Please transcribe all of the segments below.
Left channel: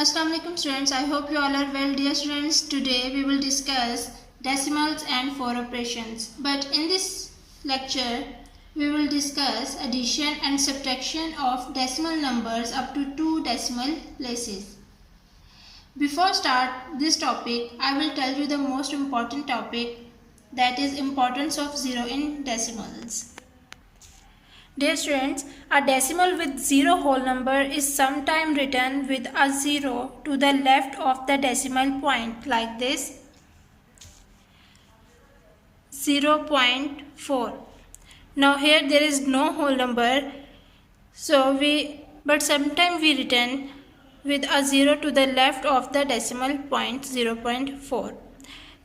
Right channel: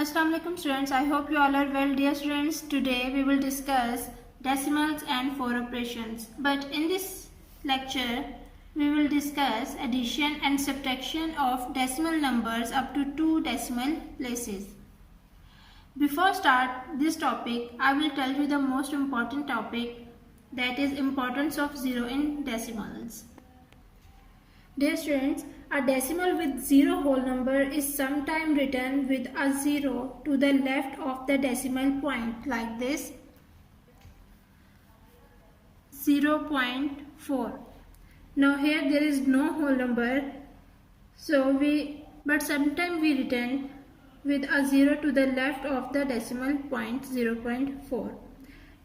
Assalamu alaikum students, I hope you all are well. Dear students, today we will discuss decimals and four operations. But in this lecture, we will discuss addition and subtraction of decimal numbers up to 2 decimal places. Before start this topic, I will tell you the most important topic, that is importance of zero in decimals. Dear students, a decimal with zero whole number is sometimes written with a zero to the left of the decimal point like this, 0.4. Now here there is no whole number, but sometimes we written with a zero to the left of the decimal point, 0.4.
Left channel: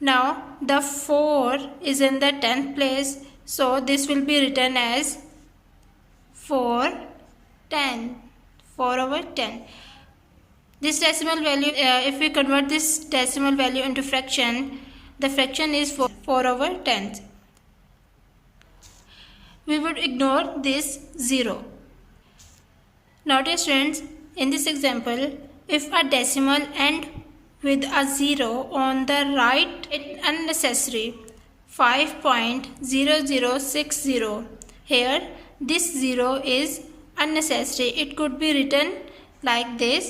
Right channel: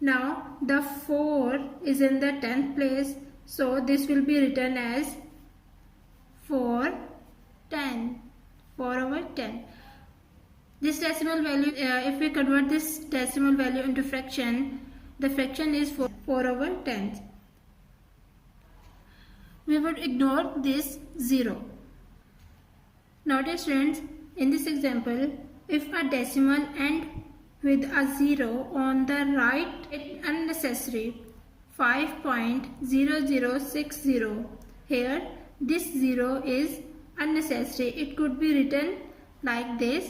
Now the 4 is in the 10th place, so this will be written as 4/10. This decimal value, if we convert this decimal value into fraction, the fraction is 4/10. We would ignore this 0. Notice students, in this example, if a decimal ends with a 0 on the right, it's unnecessary. 5.0060. Here this 0 is unnecessary. It could be written like this,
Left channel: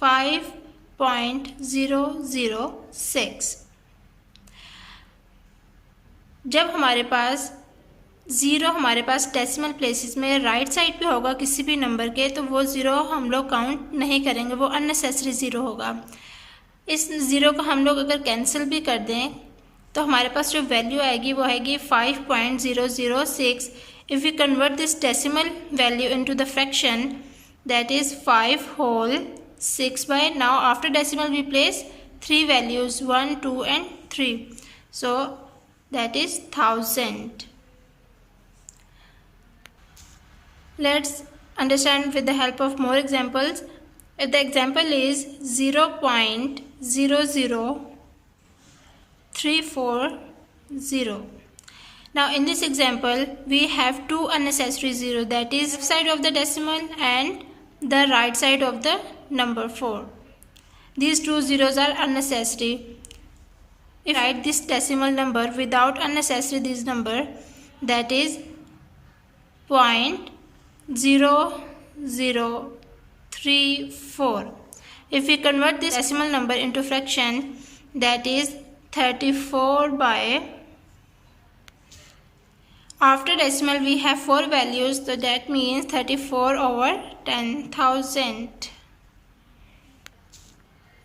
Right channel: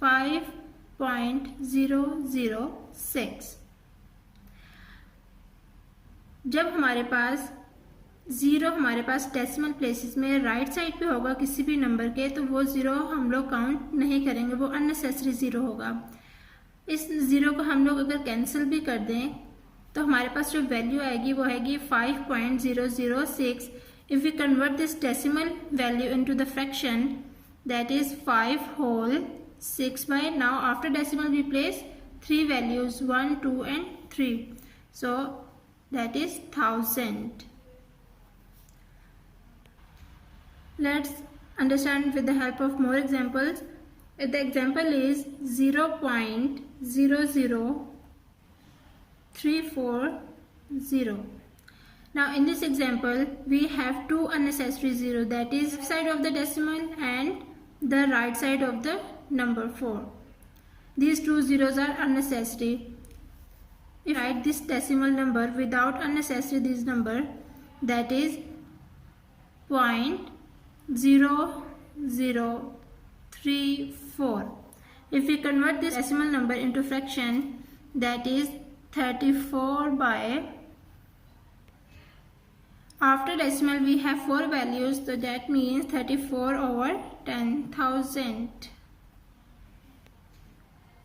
5.006. जब हमारे पास 0 हमारे पास decimal places में right side पे होगा किसी भी number के, तो वो 0 हम लोग काउंट नहीं करेंगे, वो अननेसेसरी 0 होगा. इस 0 को हम लोग अगर कैंसिल भी कर दें तो हमारे पास जो वैल्यू आएगी वो आएगी 5.006. If we convert this decimal value into the fraction, that is 5 whole 6 by, now after decimal we place 3 values, 1, 2 and 3. So that is 1000. Let's understand with the help of more examples. If the example is 0.00340. Now in this example we have two unnecessary 0, that is left side of the decimal and the right side of the number 4. These two zeros are unnecessary. If I write this decimal number without unnecessary this number, that is 0.0034. If we convert this decimal number into fraction, that is 34 by, after decimal we have 4 values, so that means 34/10,000.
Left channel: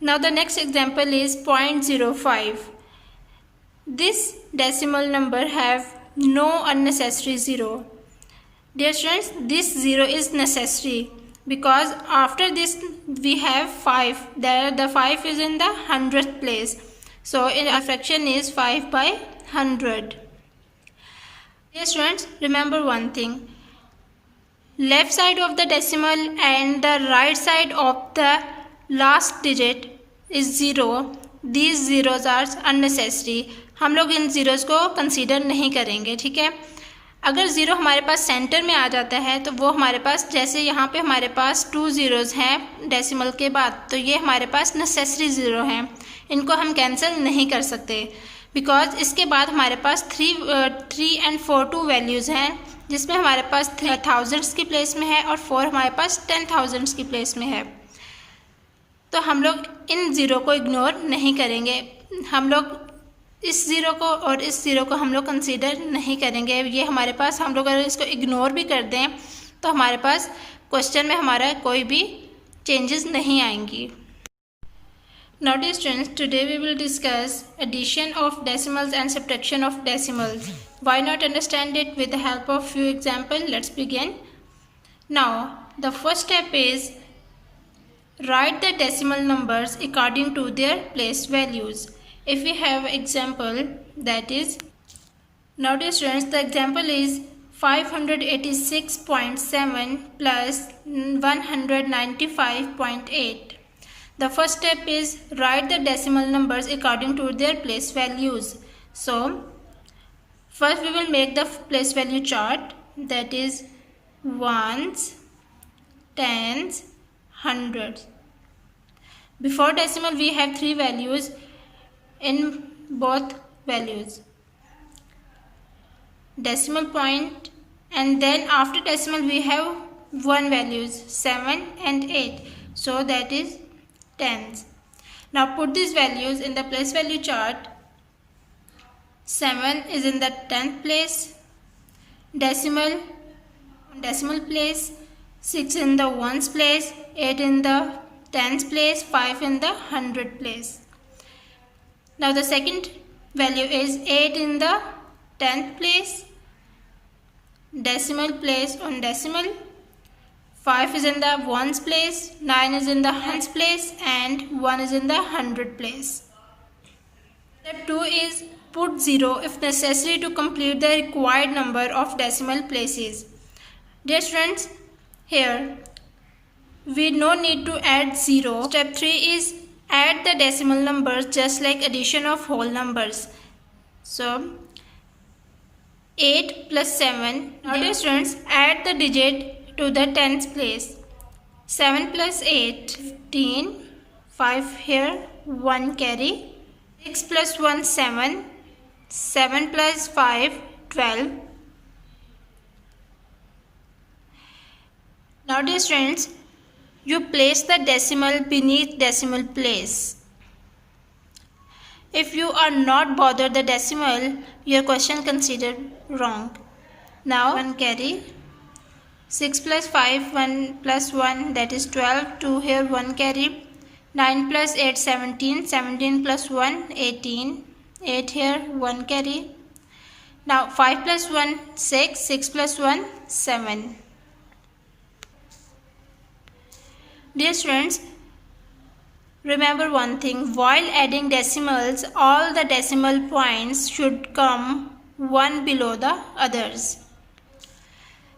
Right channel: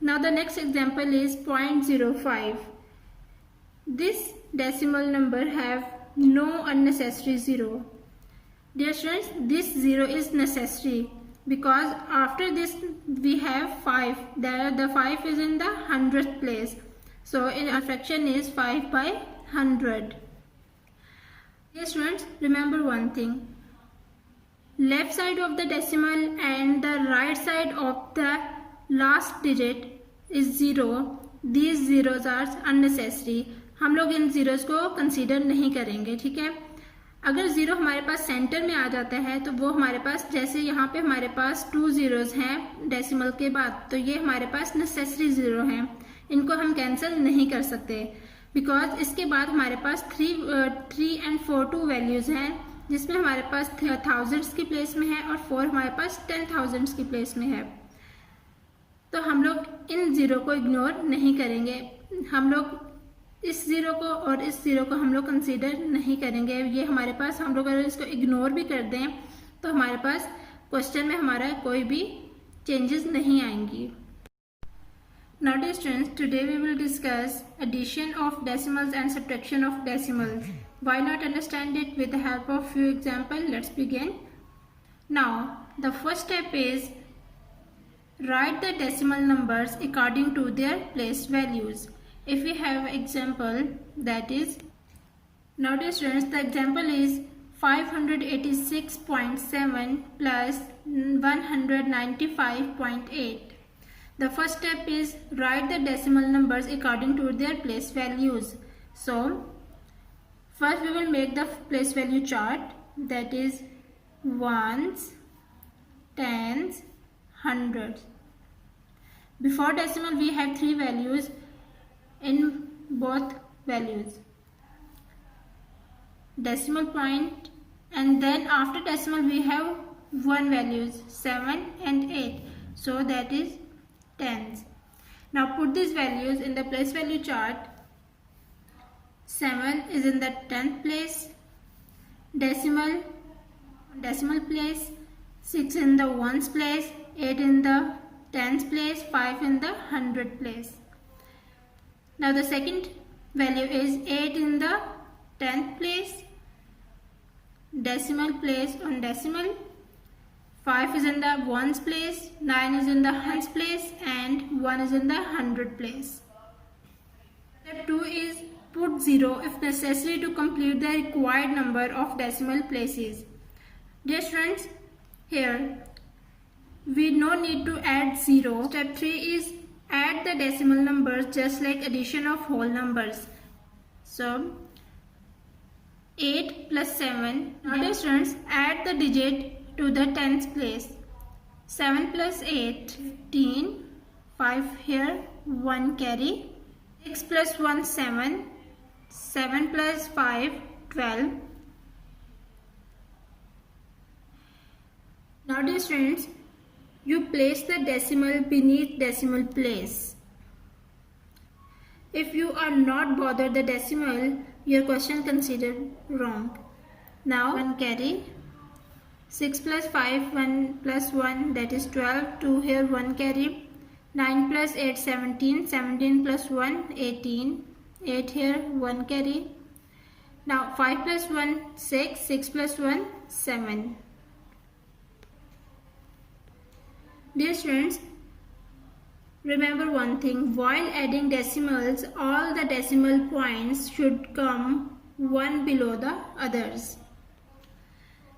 Now the next example is 0.05. This decimal number have no unnecessary 0. Dear students, this 0 is necessary because after this we have 5. The 5 is in the 100th place. So in our fraction is 5/100. Dear students, remember one thing. Left side of the decimal and the right side of the last digit is 0. These zeros are unnecessary. हम लोग इन zeros को consider नहीं करेंगे, ठीक है. अगर 0 हमारे पास centre में आ जाता है तो वो हमारे पास, जैसे यहाँ पे हमारे पास 2 zeros हैं डेसिमल के बाद, तो ये हमारे पास नेसेसरी 0 हैं. इनको हम कैंसिल नहीं कर सकते बिकॉज इसके बाद हमारे पास 3 and 4 2 वैल्यूज़ हैं, जिसमें हमारे पास 3000s की प्लेस में है और 4 हमारे पास 10,000s की प्लेस में है. तो हम लोग इन 0 को इग्नोर नहीं करेंगे. हम लोग इस 0 को और इस 0 को हम लोग कंसीडर नहीं करेंगे. ये हमारे पास, हम लोग अगर इसको इग्नोर भी कर दें तो हमारे पास क्वेश्चन में हमारा कोई भी चेंजेस नहीं आएंगी. Now dear students, today we will discuss addition of decimals and subtraction of decimals. Why not understand it with the help of few examples? Let's begin. Now the first step is write the decimal numbers according to their place values. If we have example, that is, now dear students, the example is 586.7 plus 195.8. The first step is write the decimal numbers according to their place values. So first we will make the place value chart, that is ones, tens, hundreds. Before decimal we have 3 values in both values. Decimal point, and then after decimal we have 1 values 7 and 8, so that is tens. Now put these values in the place value chart. 7 is in the 10th place, decimal place, 6 in the ones place, 8 in the tens place, 5 in the 100 place. Now the second value is 8 in the 10th place, decimal place on decimal, 5 is in the ones place, 9 is in the hundreds place, and 1 is in the 100 place. Step 2 is put 0 if necessary to complete the required number of decimal places. Dear students, here we no need to add 0. Step 3 is add the decimal numbers just like addition of whole numbers. So 8 plus 7. Now dear students, add the digit to the tens place. 7 plus 8, 15. 5 here, 1 carry. 6 plus 1, 7. 7 plus 5, 12. Now dear students, you place the decimal beneath decimal place. If you are not bothered the decimal, your question considered wrong. Now 1 carry. 6 plus 5, 1 plus 1, that is 12. 2 here, 1 carry. 9 plus 8, 17. 17 plus 1, 18. 8 here, 1 carry. Now 5 plus 1, 6. 6 plus 1, 7. Dear students, remember one thing, while adding decimals, all the decimal points should come one below the others.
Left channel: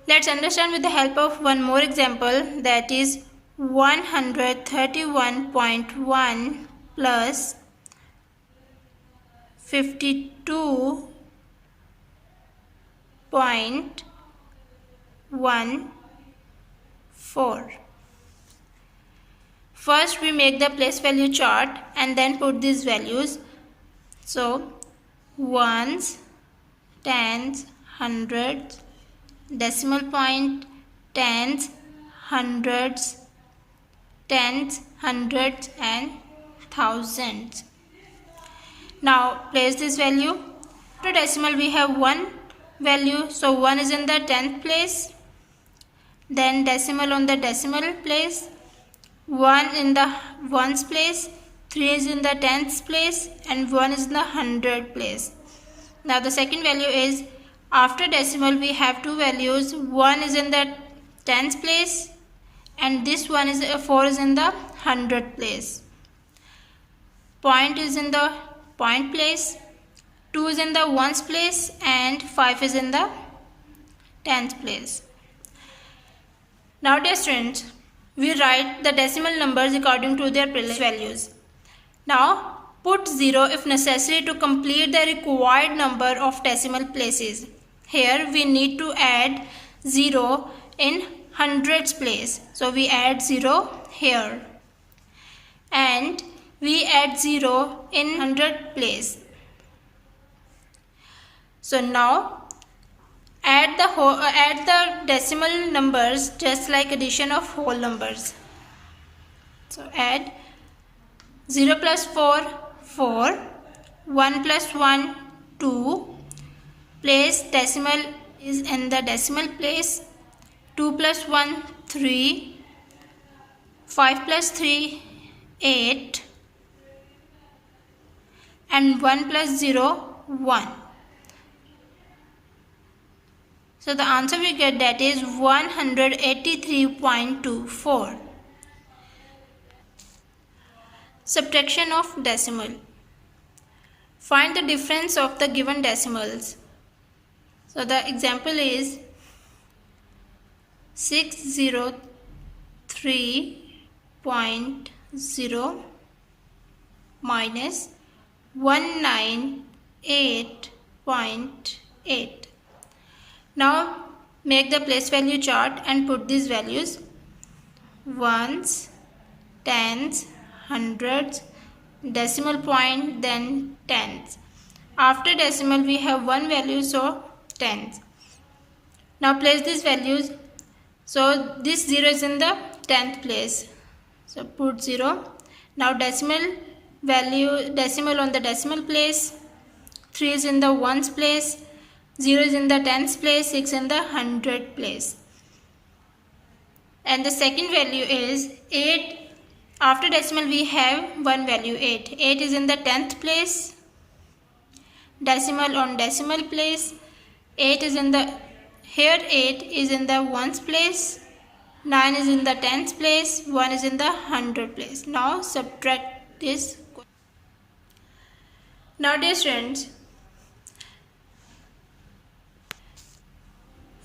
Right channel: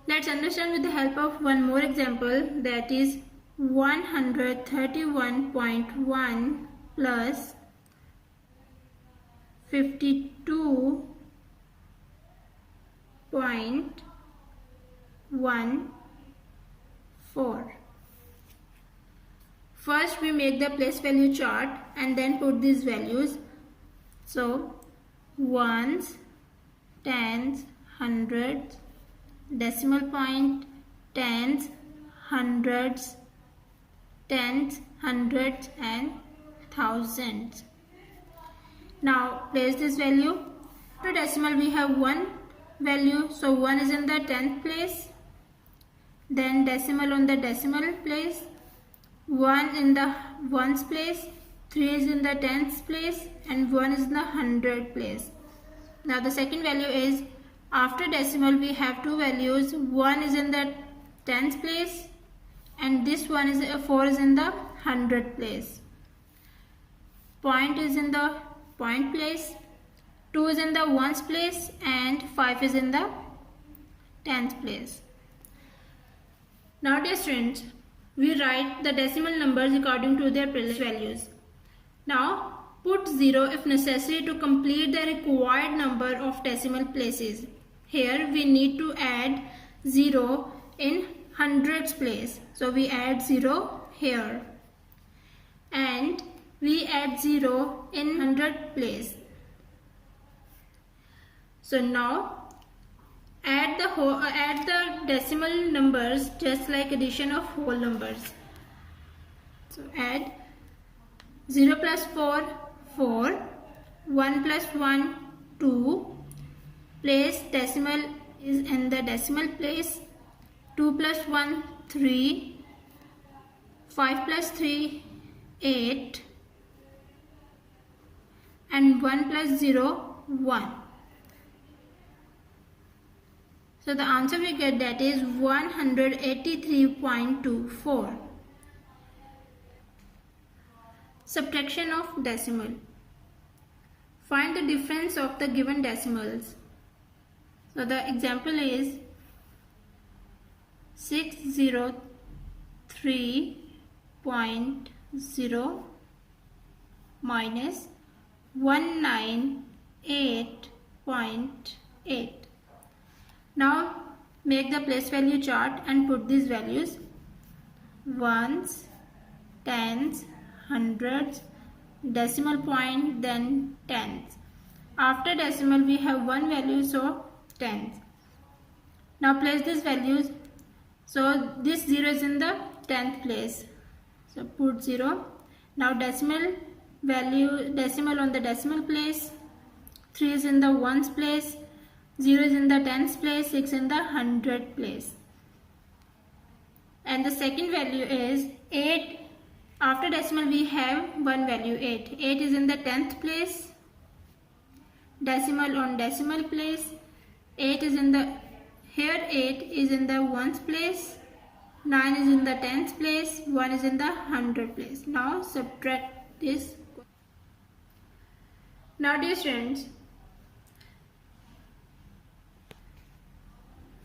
Let's understand with the help of one more example, that is 131.1 plus 52.14. First we make the place value chart and then put these values. So ones, tens, hundreds, decimal point, tens, hundreds, and thousands. Now place this value. After decimal we have 1 value, so 1 is in the 10th place, then decimal on the decimal place, 1 in the ones place, 3 is in the tens place, and 1 is in the 100 place. Now the second value is, after decimal we have 2 values, 1 is in the tens place and this one is 4 is in the 100 place. Point is in the point place, 2 is in the ones place, and 5 is in the tens place. Now dear students, we write the decimal numbers according to their place values. Now put 0 if necessary to complete the required number of decimal places. Here we need to add 0 in hundreds place. So we add 0 here. And we add 0 in 100 place. So now add the decimal numbers just like addition of whole numbers. So add 0 plus 4, 4, 1 plus 1, 2, place decimal is in the decimal place, 2 plus 1, 3, 5 plus 3, 8, and 1 plus 0, 1. So the answer we get, that is 183.24. Subtraction of decimal. Find the difference of the given decimals. So the example is 603.0 minus 198.8. Now make the place value chart and put these values: ones, tens, hundreds, decimal point, then tens. After decimal we have one value, so tens. Now place these values. So this 0 is in the 10th place, so put 0. Now decimal value, decimal on the decimal place, 3 is in the ones place, 0 is in the tens place, 6 in the hundred place. And the second value is 8. After decimal we have one value, 8. 8 is in the 10th place, decimal on decimal place, 8 is in the, here 8 is in the ones place, 9 is in the tens place, 1 is in the hundred place. Now subtract this. Now dear students,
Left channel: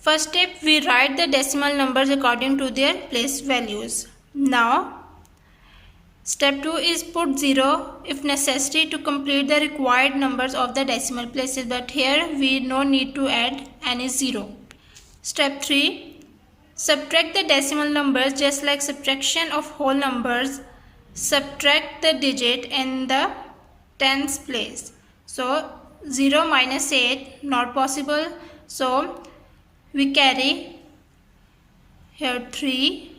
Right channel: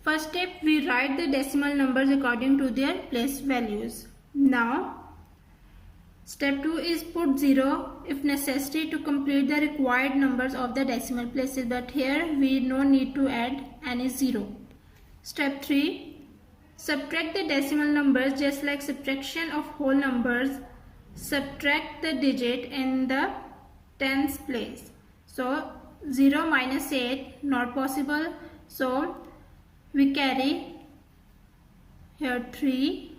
first step, we write the decimal numbers according to their place values. Now step 2 is put 0 if necessary to complete the required numbers of the decimal places, but here we no need to add any 0. Step 3, subtract the decimal numbers just like subtraction of whole numbers. Subtract the digit in the tens place. So 0 minus 8 not possible, so we carry here 3,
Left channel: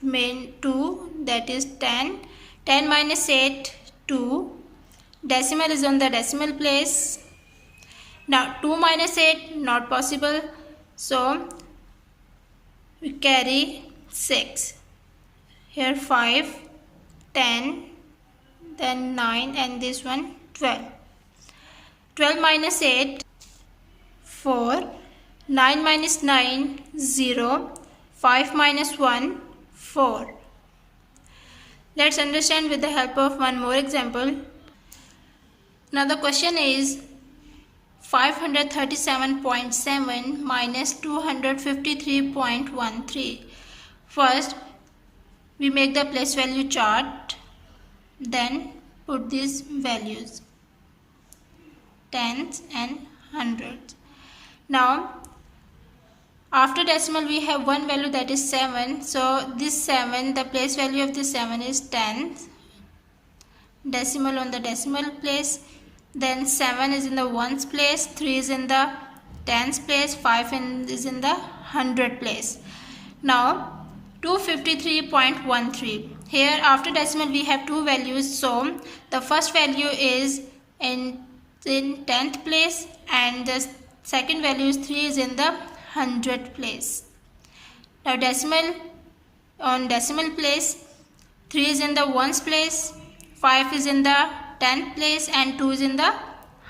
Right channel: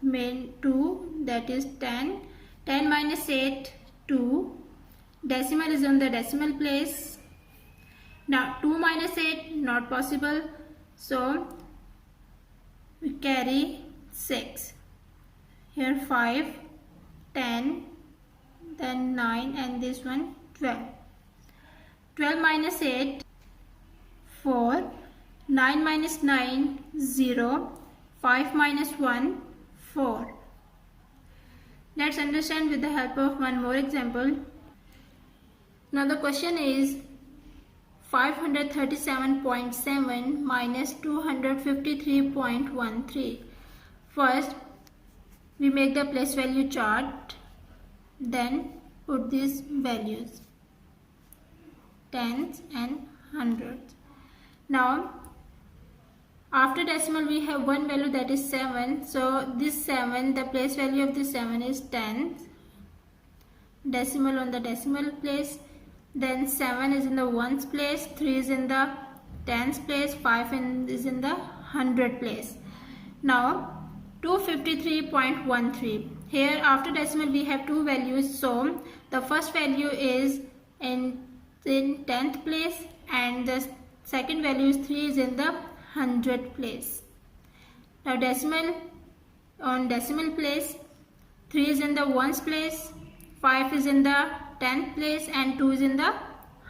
main 2, that is 10. 10 minus 8, 2. Decimal is on the decimal place. Now 2 minus 8 not possible, so we carry 6. Here 5, 10, then 9, and this one 12. 12 minus 8, 4. 9 minus 9, 0. 5 minus 1, 4. Let's understand with the help of one more example. Now the question is 537.7 minus 253.13. First, we make the place value chart, then put these values, tens and hundreds. Now after decimal we have one value, that is 7. So this 7, the place value of this 7 is 10. Decimal on the decimal place, then 7 is in the ones place, 3 is in the tens place, 5 is in the hundred place. Now 253.13. Here after decimal we have two values, so the first value is in 10th place and the second value is 3 is in the hundred place. Now decimal on decimal place, 3 is in the ones place, 5 is in the 10th place, and 2 is in the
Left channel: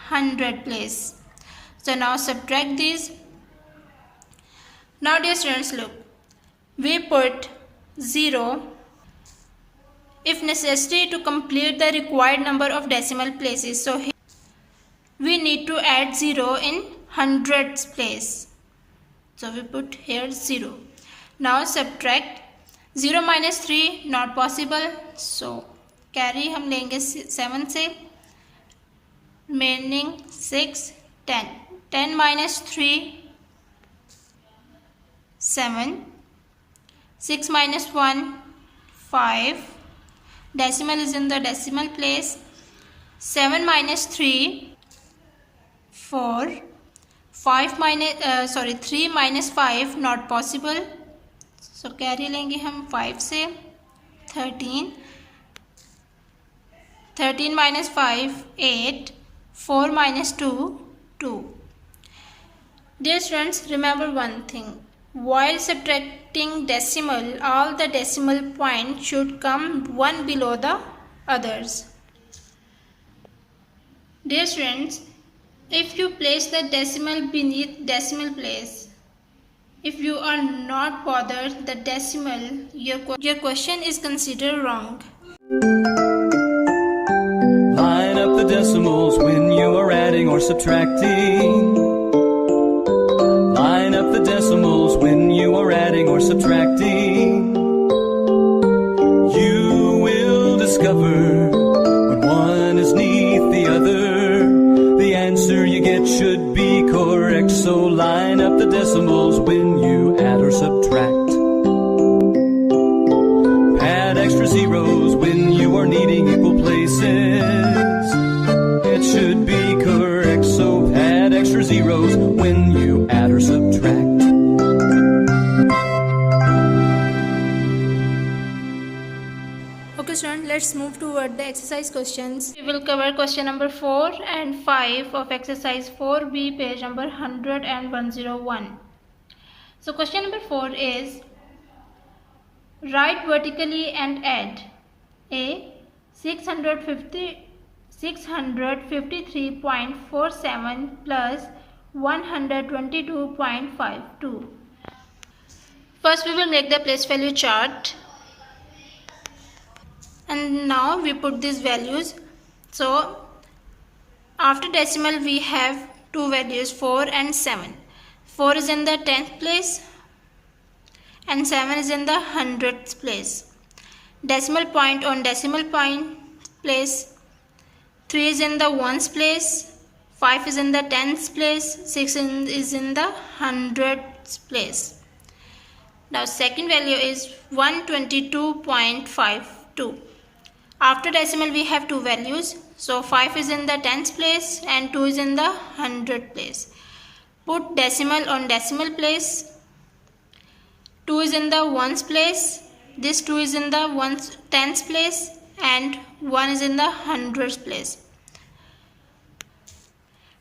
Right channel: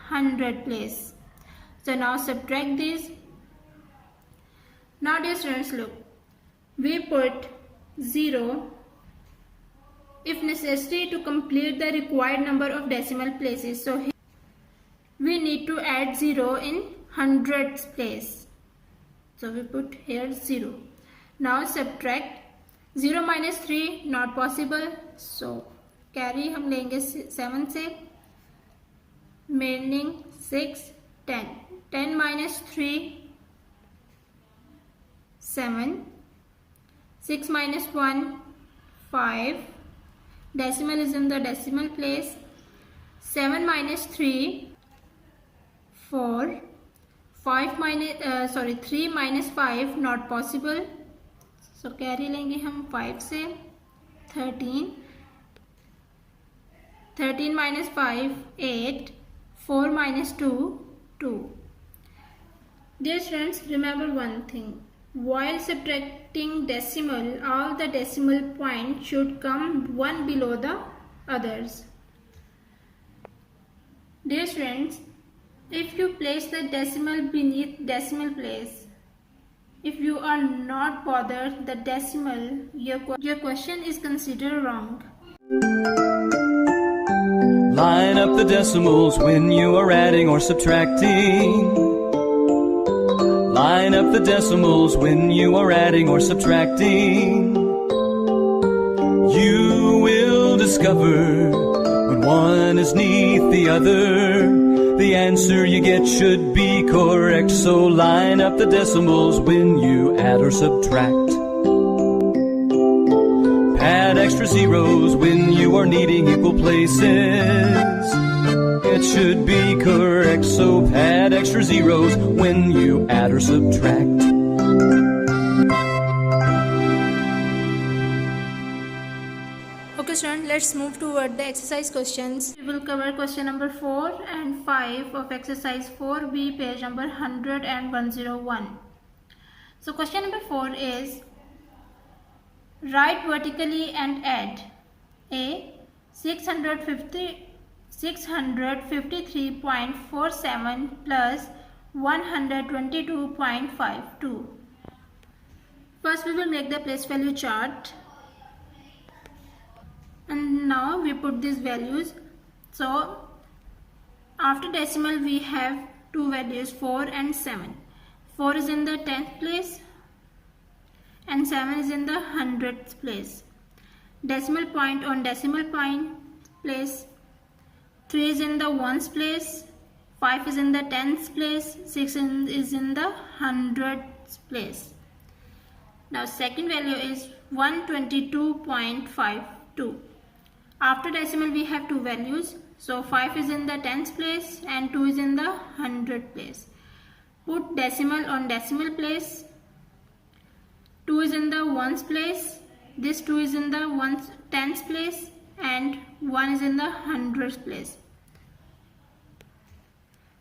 hundred place. So now subtract these. Now dear students, look, we put 0 if necessary to complete the required number of decimal places. So here we need to add 0 in hundreds place. So we put here 0. Now subtract. 0 minus 3 not possible, so carry हम लेंगे 7 से, remaining 6, 10. 10 minus 3, 7. 6 minus 1, 5. Decimal is in the decimal place. 7 minus 3, 4. 3 minus 5 not possible, so carry लेंगे हम 5 से, 13. 13 minus 5, 8. 4 minus 2, 2. Dear students, remember one thing. While subtracting decimal, all the decimal points should come one below the others. Dear students, if you place the decimal beneath decimal place, if you are not bothered the decimal, your question is considered wrong. Line up the decimals when you are adding or subtracting. Line up the decimals when you are adding or subtracting. You will discover when one is neath the other, the answer you get should be correct. So line up the decimals when you add or subtract. Pad extra zeros when you are needing equal places. It should be correct, so add extra zeros when you add or subtract. Okay students, let's move toward the exercise questions. We will cover question number 4 and 5 of exercise 4B, page number 100 and 101. So question number 4 is, write vertically and add A. 653.47 plus 122.52. First we will make the place value chart. And now we put these values. So after decimal we have two values, 4 and 7. 4 is in the 10th place and 7 is in the 100th place. Decimal point on decimal point place. 3 is in the ones place, 5 is in the 10th place, 6 is in the 100th place. Now second value is 122.52. After decimal we have two values, so 5 is in the 10th place and 2 is in the 100th place. Put decimal on decimal place. 2 is in the ones place, this 2 is in the 10th place and 1 is in the 100th place.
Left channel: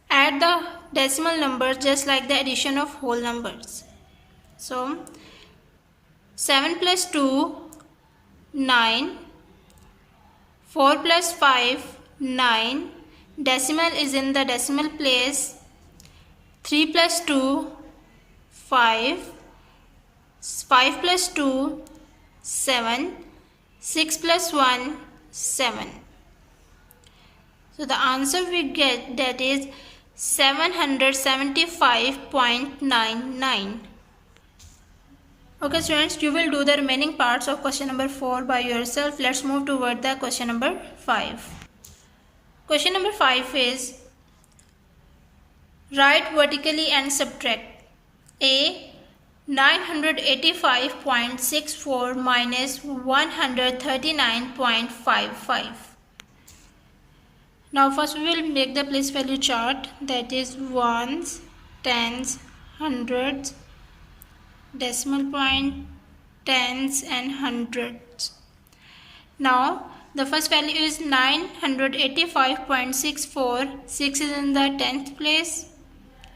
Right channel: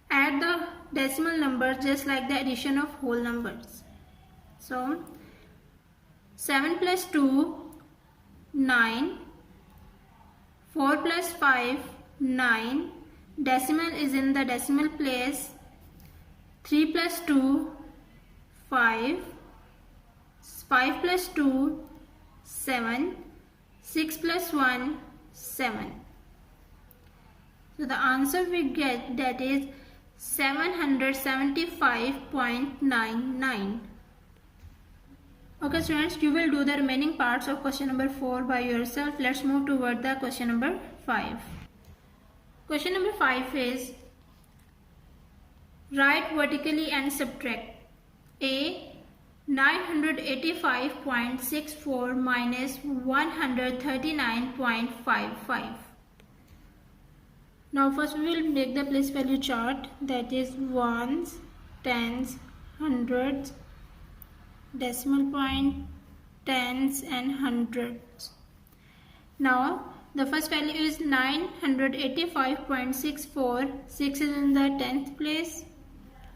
Add the decimal numbers just like the addition of whole numbers. So 7 plus 2, 9. 4 plus 5, 9. Decimal is in the decimal place. 3 plus 2, 5. 5 plus 2, 7. 6 plus 1, 7. So the answer we get, that is 775.99. Okay students, you will do the remaining parts of question number 4 by yourself. Let's move toward the question number 5. Question number 5 is, write vertically and subtract A. 985.64 minus 139.55. Now first we will make the place value chart, that is ones, tens, hundreds, decimal point, tens and hundreds. Now the first value is 985.64. 6 is in the 10th place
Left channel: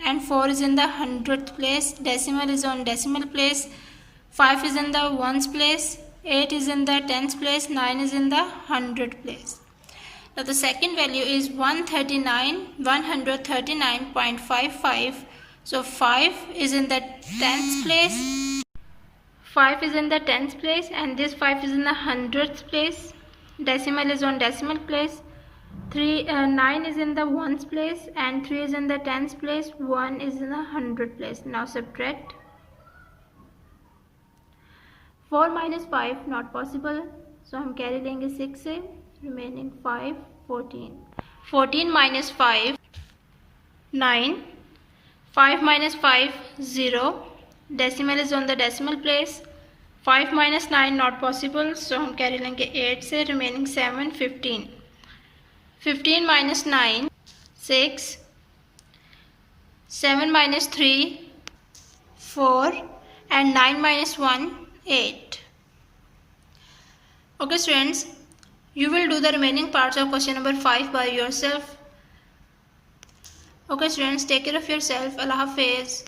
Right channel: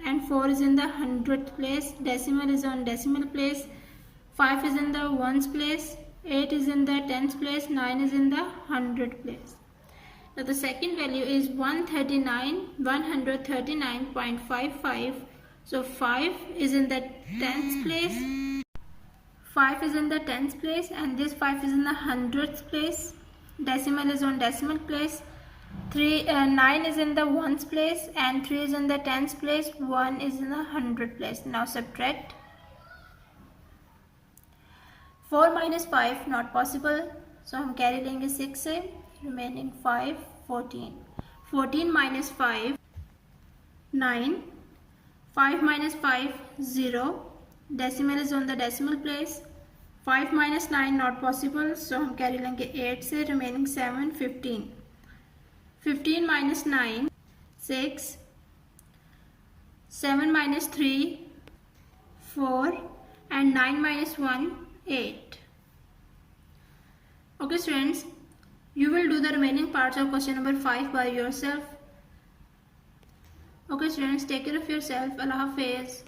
and 4 is in the 100th place. Decimal is on decimal place. 5 is in the ones place. 8 is in the 10th place. 9 is in the 100th place. Now the second value is 139.55. So 5 is in the 10th place. 5 is in the 10th place and this 5 is in the 100th place. Decimal is on decimal place. 9 is in the ones place and 3 is in the 10th place. 1 is in the 100th place. Now subtract. 4 minus 5 not possible, so हम carry लेंगे 6 से, remaining 5, 14. 14 minus 5, 9. 5 minus 5, 0. Decimal is on the decimal place. 5 minus 9 not possible, so हम carry लेंगे 8 से, remaining 7, 15. 15 minus 9, 6. 7 minus 3, 4. And 9 minus 1, 8. Okay students, you will do the remaining parts of question number 5 by yourself. Okay students, take care of yourself. Allah Hafiz.